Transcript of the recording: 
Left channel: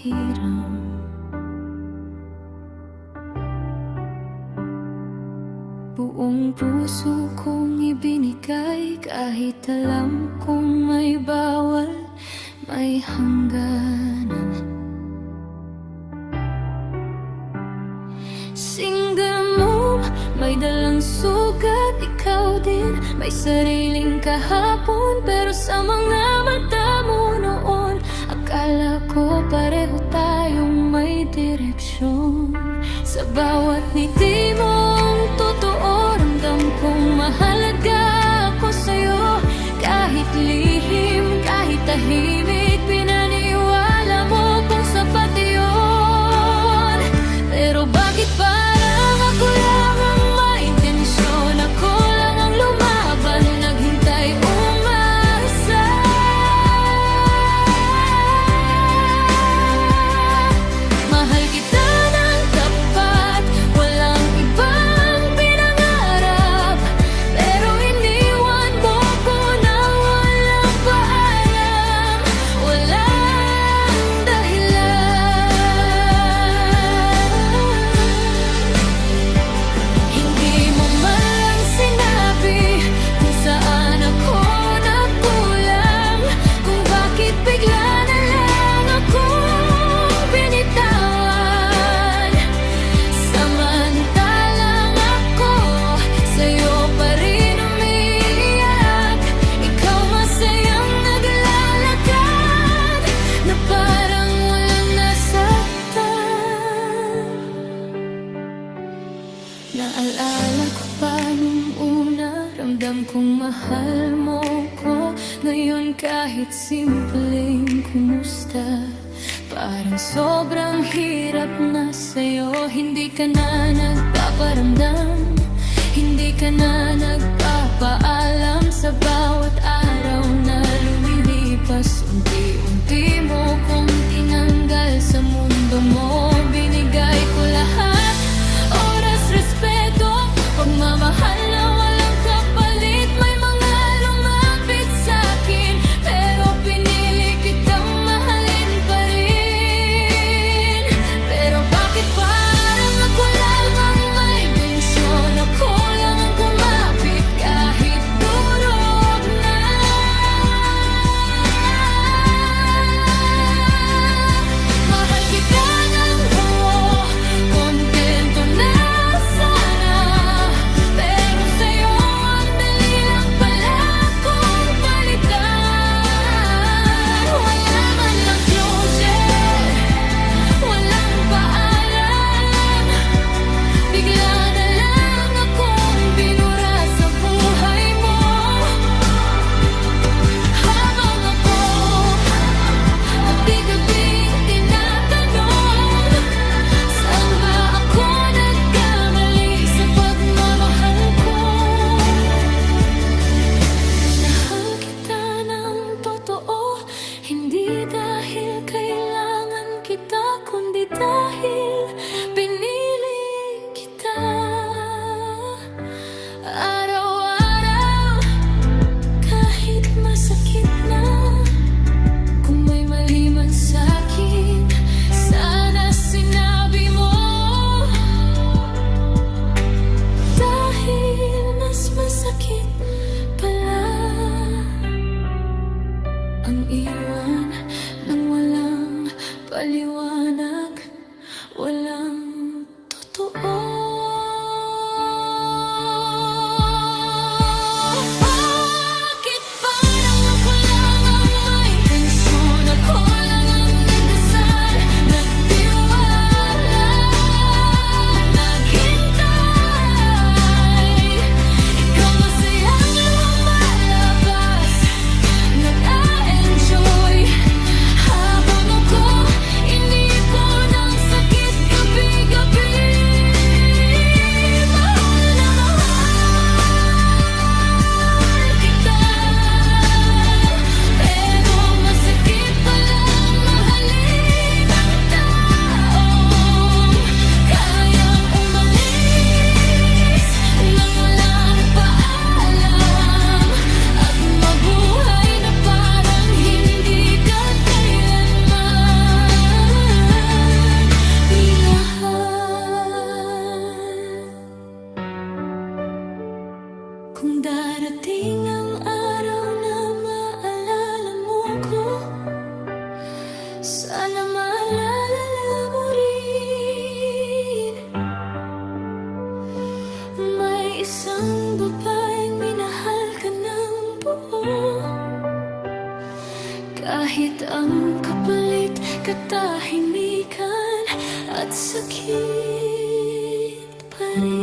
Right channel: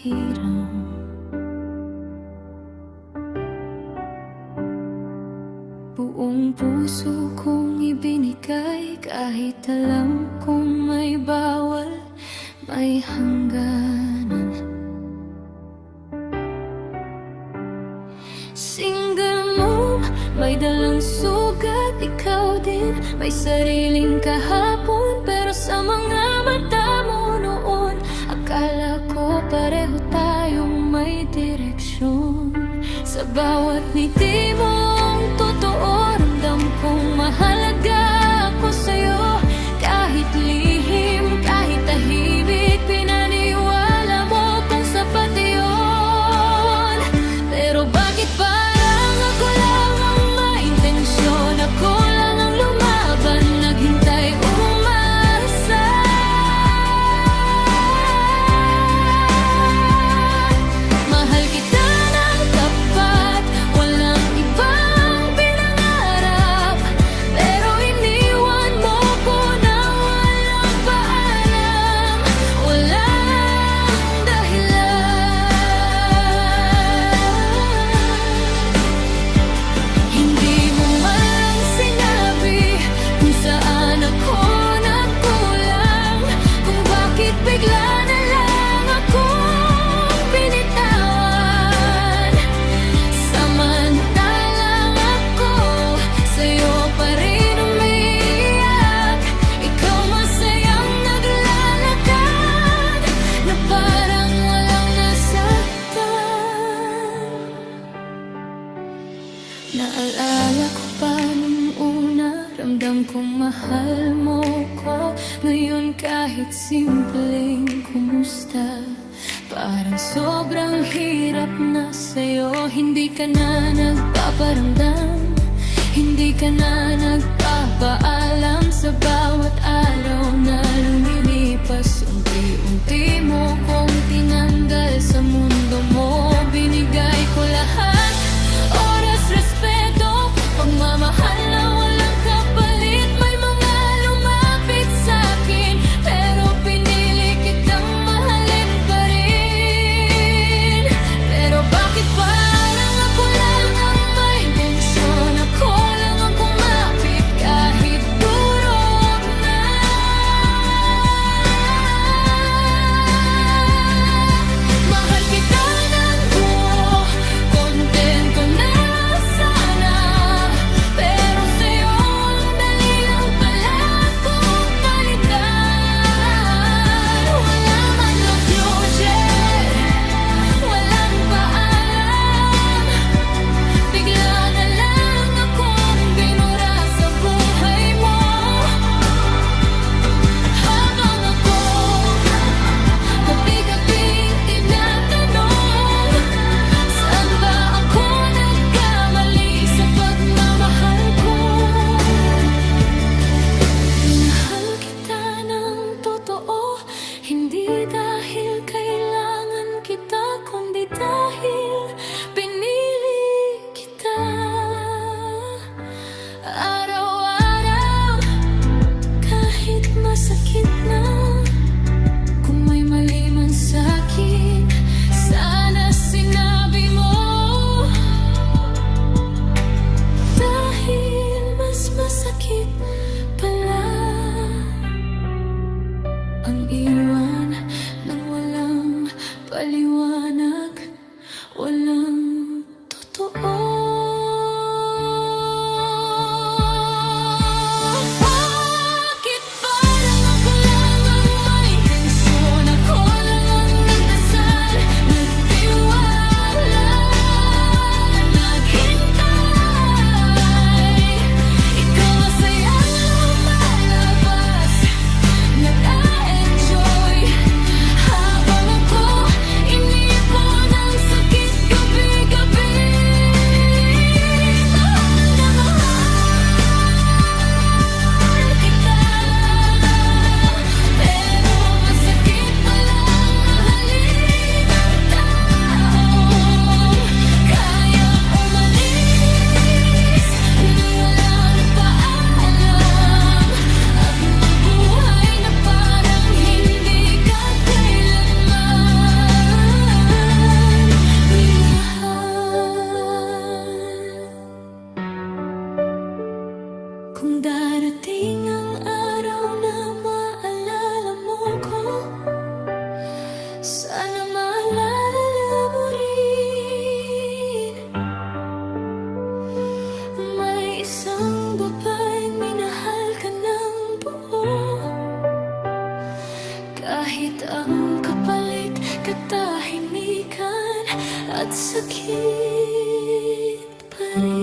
hiram. Buong puso kong ibinigay, kahit alam kong may bawal, may hangganan. Single mom, may dalang sugat, ikaw din may sariling kahapon. Pero sa mga mata mo noon, akala ko pareho tayong may direksyon. Sa bawat ngiti mong totoo, ramdam kong mahalaga ako sa'yo. Kahit lihim, kahit tahimik, pinaniwala mo kung sapat yun. Pero bakit parang ako lang ang may intensyon? Ako lang ang lumaban, naghintay, umasa. Mahal kita ng tapat, walang ibang pinangarap. Pero iniwan mo ko na walang paalam, walang dahilan. Hindi mo man lang sinabi kung saan ako nagkulang, kung bakit bigla na lang akong binitawan. Samantalang ako sa'yo pa rin umiiyak, ikaw masayang naglalakad na parang walang nasaktan. Naalala ko pa nung una, ramdam kong mahal mo ko. Ngayon kahit simpleng kumusta, parang sobrang hirap na sa'yo. Hindi ka na nagpaparamdam, hindi ka na nagpapaalam. Sa bawat araw na lumilipas, unti-unti mo kong tinanggal sa mundo mo. Binigay ko lahat, oras, respeto, pagmamahal na walang kapalit. May mga lumapit sa'kin, pero pinili kitang mahalin pa rin. Pero bakit parang ako lang ang may intensyon? Ako lang ang kumapit kahit durog na. Mahal kita ng buo, kontento na sana. Pero sa'yo ang dali lang pala kong palitan. Wala man lang closure, walang paalam. Bigla na lang akong binura sa buhay mo. Habang ako gabi-gabing tinatanong, saan ba ako nagkamali sa pagmamahal ko? Minahal kita ng totoo, hindi dahil kailangan kita, kundi dahil pinili kita. Araw-araw, kahit masakit na, kung may mali man sa'kin, sana sinabi mo. Dahil mas masakit pala ang iwan ng walang paliwanag, walang totoo. Bakit parang ako lang ang may intensyon? Ako lang ang nagdasal, nagtiwala, naghintay. Ikaw masayang lumalabas, nag-a-enjoy. Habang ako inipon ang sakit gabi Kahit ang kapalit, katahimikan at sakit pa rin.